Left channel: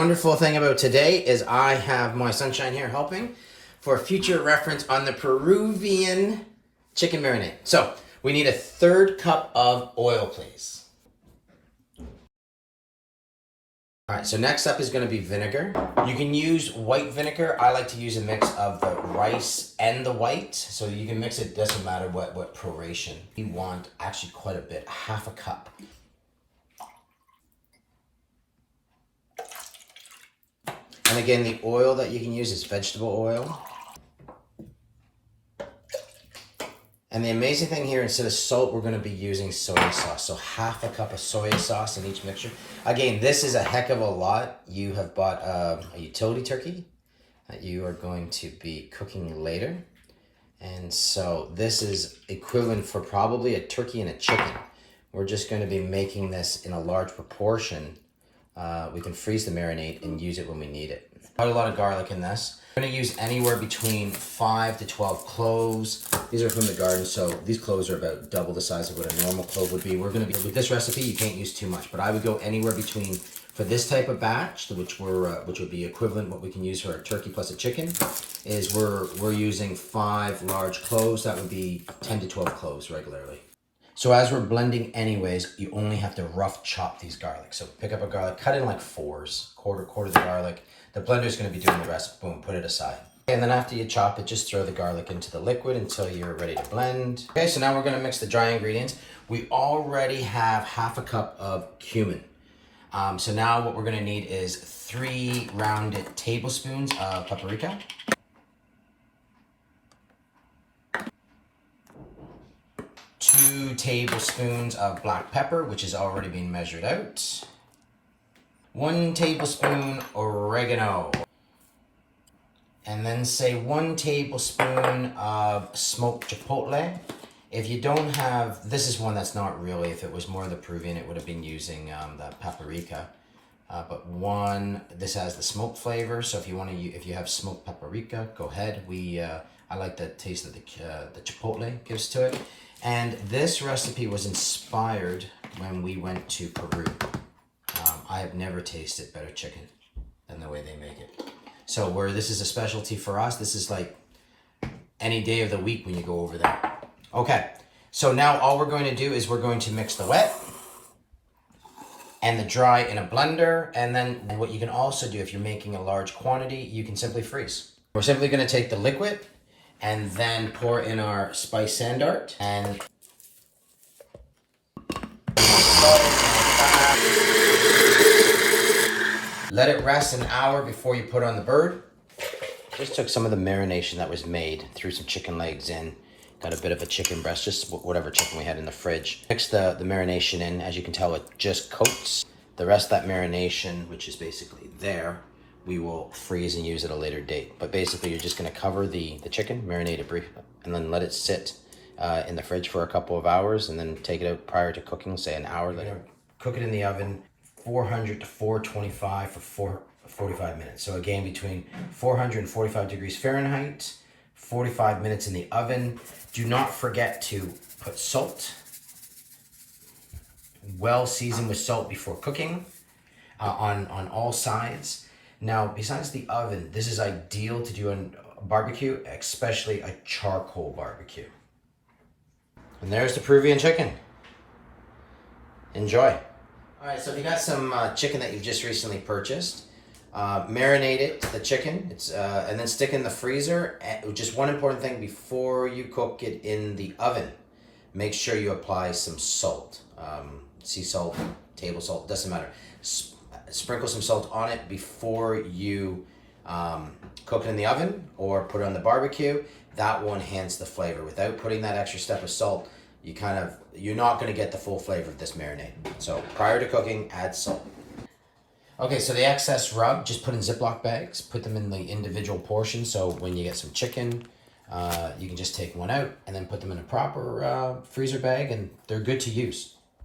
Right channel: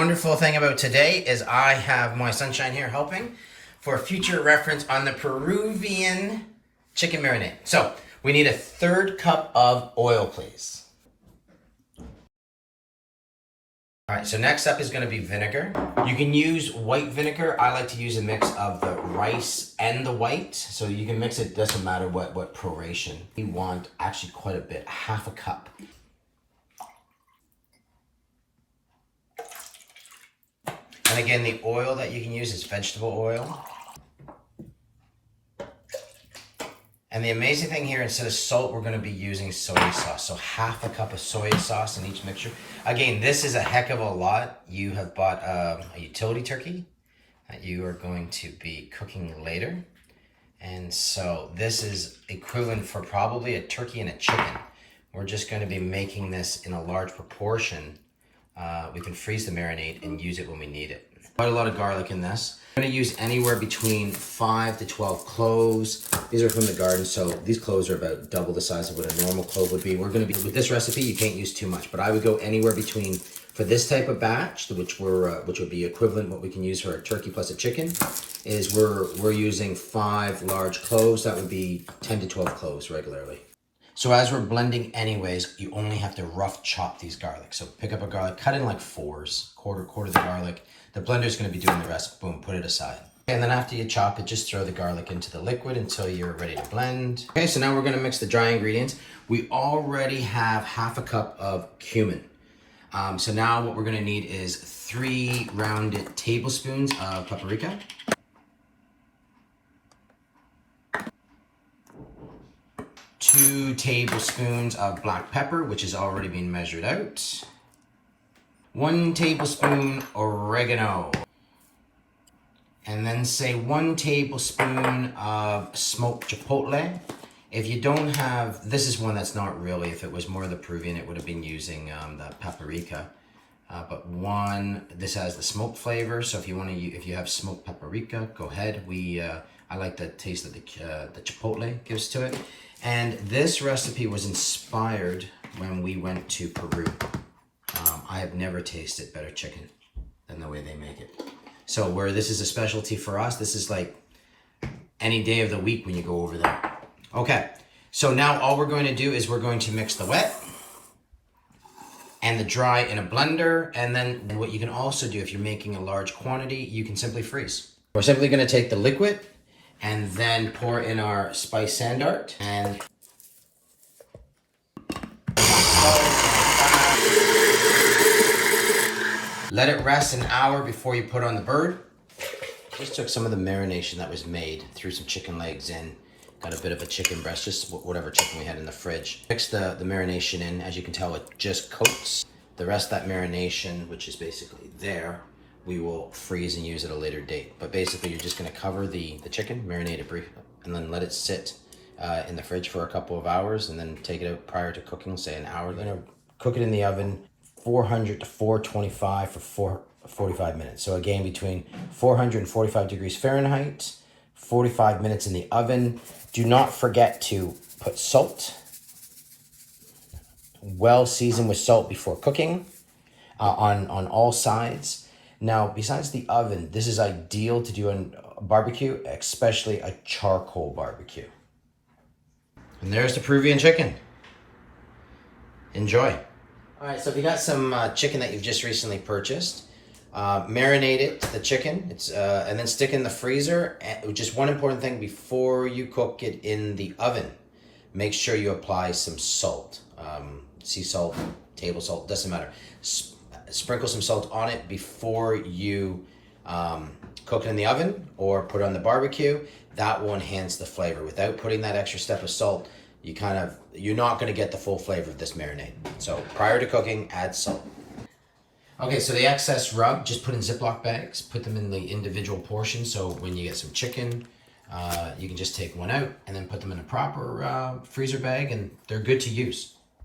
Wonderful thing about today is I have my sunshine here helping for future reference on the Peruvian chicken marinade. So we need a 1/3 cup of oil, please. All right, so next up is going to be vinegar. You can use white vinegar. I like to use a mix of the rice and the white. So you can mix it, doesn't matter what proration. You want actually quite a bit, 1/2 cup. And again, the oil that you can use is vegetable oil. And the amazing thing here, instead of salt, we're going to be using soy sauce. So 1/2 cup of soy sauce in each mixture. Again, this is a heck of a lot. You have bought a utility turkey that you are going to be cooking later. And so this is equivalent for probably a turkey and a chicken. We're just going to be making this in a large proportion. We can freeze the marinade and use it when we need it. Quite a lot of garlic in this. I'm going to use anywhere between 5 to 12 cloves. These are from the garden, so these cloves are about double the size of what a normal clove would be. We're going to be, with this recipe, you can't use too much, but I would go anywhere between, for this type of batch, which would be equivalent what we can use for a turkey plus a chicken, is we're using 5 large cloves. That would be 10 to 12 cloves regularly. So as we're blending anyways, you only have to rough chop these garlic. So pick up a garlic, cut in like 4s, quarter the garlic. The blender's gonna be doing the rest. Boom, put it aside. And then after you chop it, just throw the garlic into the liquid until you're ready to blend. Okay, so now we're gonna mix the dry ingredients. We already have 1/2 cup of cumin. So now what we're gonna need is 3 rounded tablespoons of paprika. 2 tablespoons of black pepper, which has already been measured out. 1 tablespoon oregano. And then say 1 tablespoon of smoked chipotle. If you don't have, this is one that's not really, if it was more the Peruvian, it would have been using the paprika. But this has the smoked flavor. So if you want to, if you have smoked paprika, go ahead. I like the taste that the chipotle gives to it. And this recipe was inspired when we went to Peru. I have never tasted better chicken than the way they make it. So where this is a specialty for us, this is like any day of the week when you go over there. Okay, so now all we're going to do is we're going to mix the wet and the dry in a blender. And then what you can also do if you're making a large quantity, you can simply freeze. We're simply going to take the liquid and then pour in our spice sand art and let it rest an hour before you put on the bird. Just took some of the marination that was made, threw some chicken legs in, got a bit of a chicken breast, just whatever chicken we had in the fridge. Mix the marination in. As you can tell, it just coats. The rest of that marination, which is basically there, we will freeze and use at a later date. But basically, you're just gonna cover the chicken, marinate it briefly, and then let it sit in the fridge for a couple of hours, and then take it out prior to cooking, say an hour later. Cook it in the oven, 400 to 425 for 45 minutes. So again, between 400 and 45 degrees Fahrenheit, 45 minutes in the oven. Do not forget to put salt, well seasoned with salt before cooking on all sides. Now, besides the oven, this is ideal to do a barbecue, especially a charcoal barbecue. And there's the Peruvian chicken. Enjoy. All right, so if you got some chicken that you've just recently purchased, marinate it, the chicken, and then stick in the freezer. And just one important thing before you cook it in the oven, make sure you apply some salt. Sea salt, table salt, doesn't matter. Sprinkle some salt on it before you cook it in the oven or put it on the barbecue. That will enhance the flavor. Without putting that extra step of salt, you're not going to get the full flavor of this marinade. So prior to cooking, add salt. Okay, so the excess rub, just put in Ziploc bags, put them in the individual portions. So when you get some chicken, you can just take one out and then put them in a proper freezer bag, and they're good to use.